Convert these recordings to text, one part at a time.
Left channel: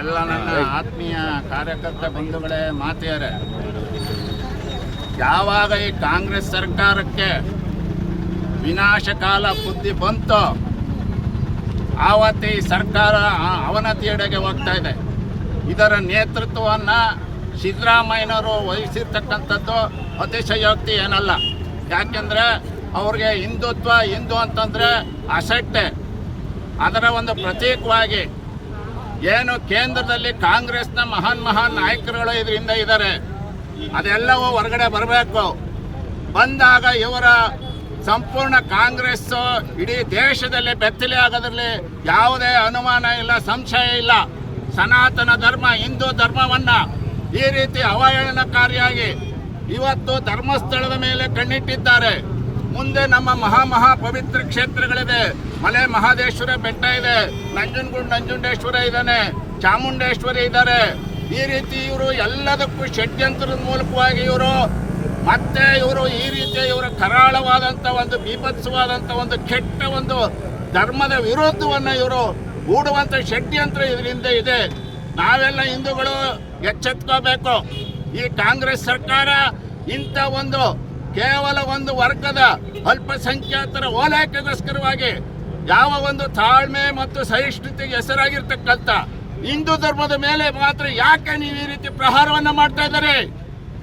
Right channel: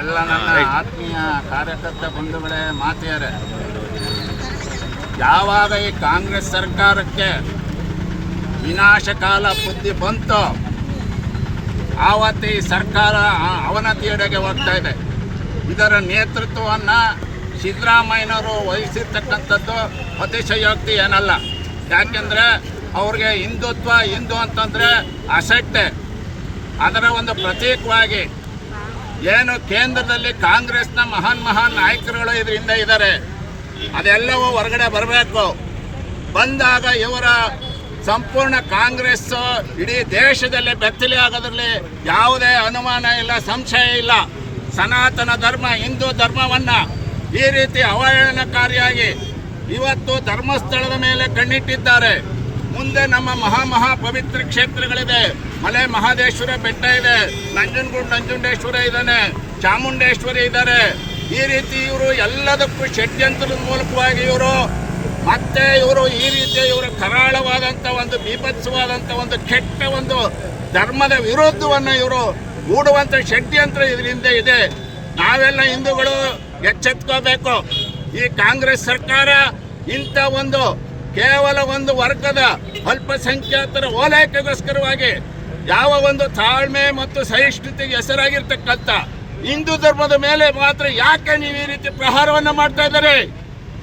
ಎಲ್ಲ ನನ್ನ ಆತ್ಮೀಯ ಕಾರ್ಯಕರ್ತ ಬಂಧುಗಳೇ ಮಾತೆಯರೇ ಯಾವಾಗ ಈ ಕಾಂಗ್ರೆಸ್ ಸರ್ಕಾರಕ್ಕೆ ವಿನಾಶಕಾಲ ಬುದ್ಧಿ ಬಂತು ಆವತ್ತು ಈ ಸರ್ಕಾರ ಅವನತಿಯೆಡೆಗೆ ಹೋಗ್ತಾ ಇದೆ. ಇದರ ನೇತೃತ್ವವನ್ನು ಸಿದ್ದರಾಮಯ್ಯನವರು ವಹಿಸಿರ್ತಕ್ಕಂಥದ್ದು ಅತಿಶಯೋಕ್ತಿ ಏನಲ್ಲ. ಯಾಕೆಂದರೆ ಅವ್ರಿಗೆ ಹಿಂದುತ್ವ ಹಿಂದೂ ಅಂತಂದರೆ ಅಸಟ್ಟೆ. ಅದರ ಒಂದು ಪ್ರತೀಕವಾಗಿ ಏನು ಕೇಂದ್ರದಲ್ಲಿ ಕಾಂಗ್ರೆಸ್ನ ಮಹಾನ್ ಮಹಾನ್ ನಾಯಕರುಗಳು ಇದರಿಂದ ಇದ್ದಾರೆ. ಅದೆಲ್ಲವೂ ಹೊರಗಡೆ ಬರಬೇಕು. ಬಂದಾಗ ಇವರ ಸಂಪೂರ್ಣ ಕಾಂಗ್ರೆಸ್ ಇಡೀ ದೇಶದಲ್ಲಿ ಬೆತ್ತಲೆ ಆಗೋದ್ರಲ್ಲಿ ಯಾವುದೇ ಅನುಮಾನ ಇಲ್ಲ, ಸಂಶಯ ಇಲ್ಲ. ಸನಾತನ ಧರ್ಮ, ಹಿಂದೂ ಧರ್ಮವನ್ನ ಈ ರೀತಿ ಅವಹೇಳನಕಾರಿಯಾಗಿ ಇವತ್ತು ಧರ್ಮಸ್ಥಳದ ಮೇಲೆ ಕಣ್ಣಿಟ್ಟಿದ್ದಾರೆ. ಮುಂದೆ ನಮ್ಮ ಮಹಾ ಮಹಾ ಪವಿತ್ರ ಕ್ಷೇತ್ರಗಳಿದೆ. ಮಲೆ ಮಹಾದೇಶ್ವರ ಬೆಟ್ಟ ಇದೆ. ನಂಜನಗೂಡು ನಂಜುಂಡೇಶ್ವರ ಇದ್ದಾನೆ. ಚಾಮುಂಡೇಶ್ವರಿ ಇದ್ದಾರೆ. ಈ ರೀತಿ ಇವರು ಎಲ್ಲದಕ್ಕೂ ಷಡ್ಯಂತ್ರದ ಮೂಲಕವಾಗಿ ಇವರು, ಮತ್ತೆ ಇವರು ಈ ರೀತಿ ಇವರು ಕರಾಳವಾದಂಥ ಒಂದು ಬೀಭತ್ಸವಾದಂಥ ಒಂದು ಕೆಟ್ಟ ಒಂದು ಧರ್ಮದ ವಿರೋಧವನ್ನು ಇವರು ಹೂಡುವಂಥ ಷಡ್ಯಂತ್ರ ಇದರಿಂದ ಇದೆ. ನಾವೆಲ್ಲ ಹಿಂದೂಗಳು ಎಚ್ಚೆತ್ಕೋಬೇಕು. ಈ ಕಾಂಗ್ರೆಸ್ ಸರ್ಕಾರ ಇಂಥ ಒಂದು ಕೇವಲ ಒಂದು ವರ್ಗದ ಅಲ್ಪಸಂಖ್ಯಾತರ ಓಲೈಕೆಗೋಸ್ಕರವಾಗಿ ಯಾವ ಒಂದು ತಾಳ್ಮೆ ಮತ್ತು ಸಹಿಷ್ಣುತೆಗೆ ಹೆಸರಾಗಿರ್ತಕ್ಕಂಥ ಹಿಂದೂ ಧರ್ಮದ ಮೇಲೆ ಮಾತ್ರ ಯಾಕೆ ನೀವು ಈ ರೀತಿ ಪ್ರಹಾರವನ್ನು ಮಾಡ್ತಾ ಇದ್ದಾರೆ?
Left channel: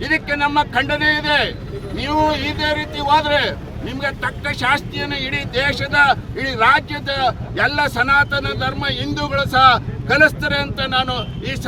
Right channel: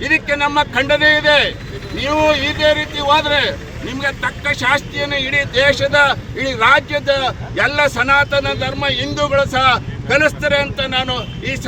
ಇದಕ್ಕೆ ನಮ್ಮ ಖಂಡನೆ ಇದೆ. ನೀವು ಇದೇ ರೀತಿ ಹೋದ್ರೆ ನಿಮ್ಗೆ ತಕ್ಕ ಶಾಸ್ತಿಯನ್ನು ಇಡೀ ದೇಶದ, ಇಡೀ ರಾಜ್ಯದ ಎಲ್ಲ ಸನಾತನ ಧರ್ಮ ಹಿಂದೂಗಳು ಸಹ ಕಲಿಸ್ತಾರೆ ಅಂತ ನಾನು ಈ